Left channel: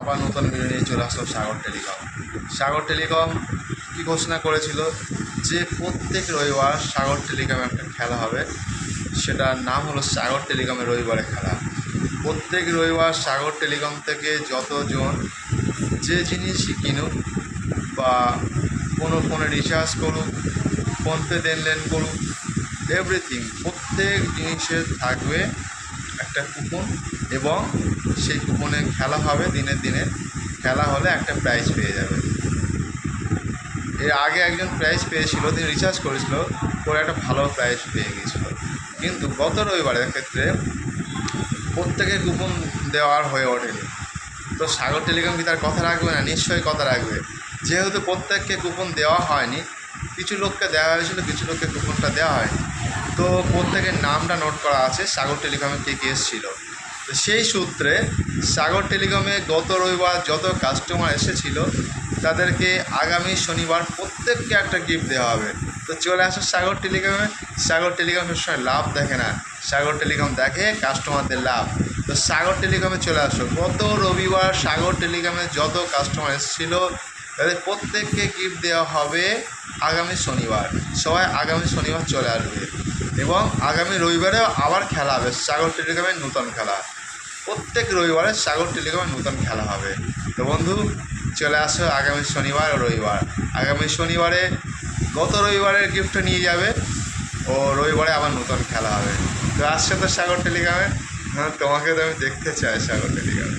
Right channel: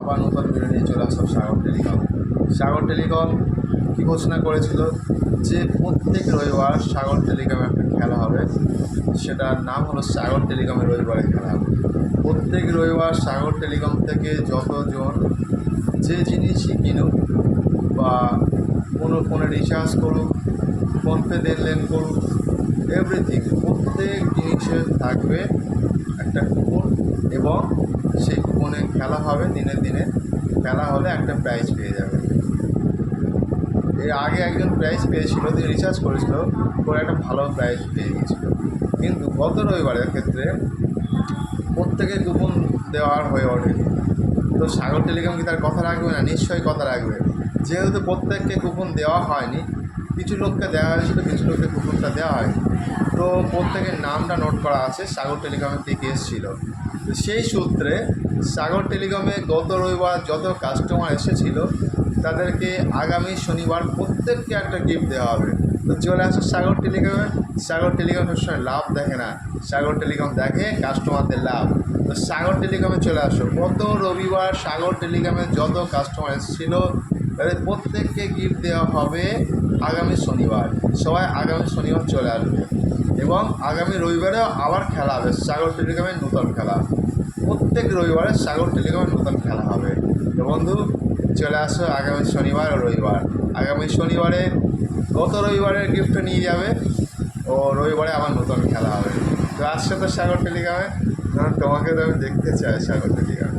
আবার নতুন ভিডিও নিয়ে চলে আসলাম সাগর টেলিকম কী ঘোষণা করেছিল যে প্রত্যেক রবিবার সাগর টেলিকমে একটা খেলা হবে। সেটার নাম হলো সাগর টেলিকমের রবিবারে খেলা। প্রত্যেক রবিবার সাগর টেলিকম থেকে যতজন যে জিনিসই কিনুক বা কোনো ফোনে রিচার্জ করুক, ফোনপে দেনলেন করুক, এভরিথিং প্রত্যেক জিনিসের থাকবে একটা কুপন এবং সেই কুপনে খেলা হবে। দিনে দিনে খেলা হলে একটা প্রাইজ পেয়ে যাবে। এর আগে একজন প্রাইজ পেয়েছিল, তিনি রিচার্জ করেছিল, করে একটা ভালো প্রাইজ পেয়ে গিয়েছিল। কিন্তু গত রবিবারের ক্ষেত্রে প্রত্যেকে কুপন দেওয়ার হয়ে ওঠেনি। তো সাগর টেলিকম কি তার কথা রাখবে না? নিশ্চয়ই কথা রাখবে। যেহেতু প্রত্যেককে কুপন দেওয়া হয়নি, কিছু লোককে দেওয়া হয়েছিল, কিছু লোককে কুপনটা দেওয়া হয়নি, তো প্রত্যেকের নামটা নোট করা আছে সাগর টেলিকমে কে কে এসেছিল। তো সেই সূত্রে সাগর টেলিকমে গত রবিবার যত কাস্টমার এসেছিল তাদেরকে আগামী শনিবার প্রত্যেককে একটা গিফট দেওয়া হবে। তো চলে আসো সাগর টেলিকমে। সাগর টেলিকম সবসময় লাভ দেখে না, সাগর টেলিকম দেখে কাস্টমারদের লাভ। তো সাগর টেলিকমে চলে আসো। গত রবিবার সাগর টেলিকমে যত কাস্টমার এসেছিল তাদের প্রত্যেককে গিফট দেওয়া হবে আগামী শনিবার। সবাই আগামী শনিবার চলে আসবে এবং আগামী রবিবারেও আবার খেলা হবে সাগর টেলিকমের নতুন খেলা। প্রত্যেক রবিবারে সাগর টেলিকমের নতুন খেলা হবে। তো বন্ধু, চলে আসো আগামী শনিবার ও রবিবার। আগামী শনিবারে গত রবিবারের গিফটটা নিয়ে যাবে ও রবিবারে আবার নতুন খেলা হবে। তো আসছে তো সাগর টেলিকমে। তোমাকে তো আমি দেখতে চাই সাগর টেলিকমে।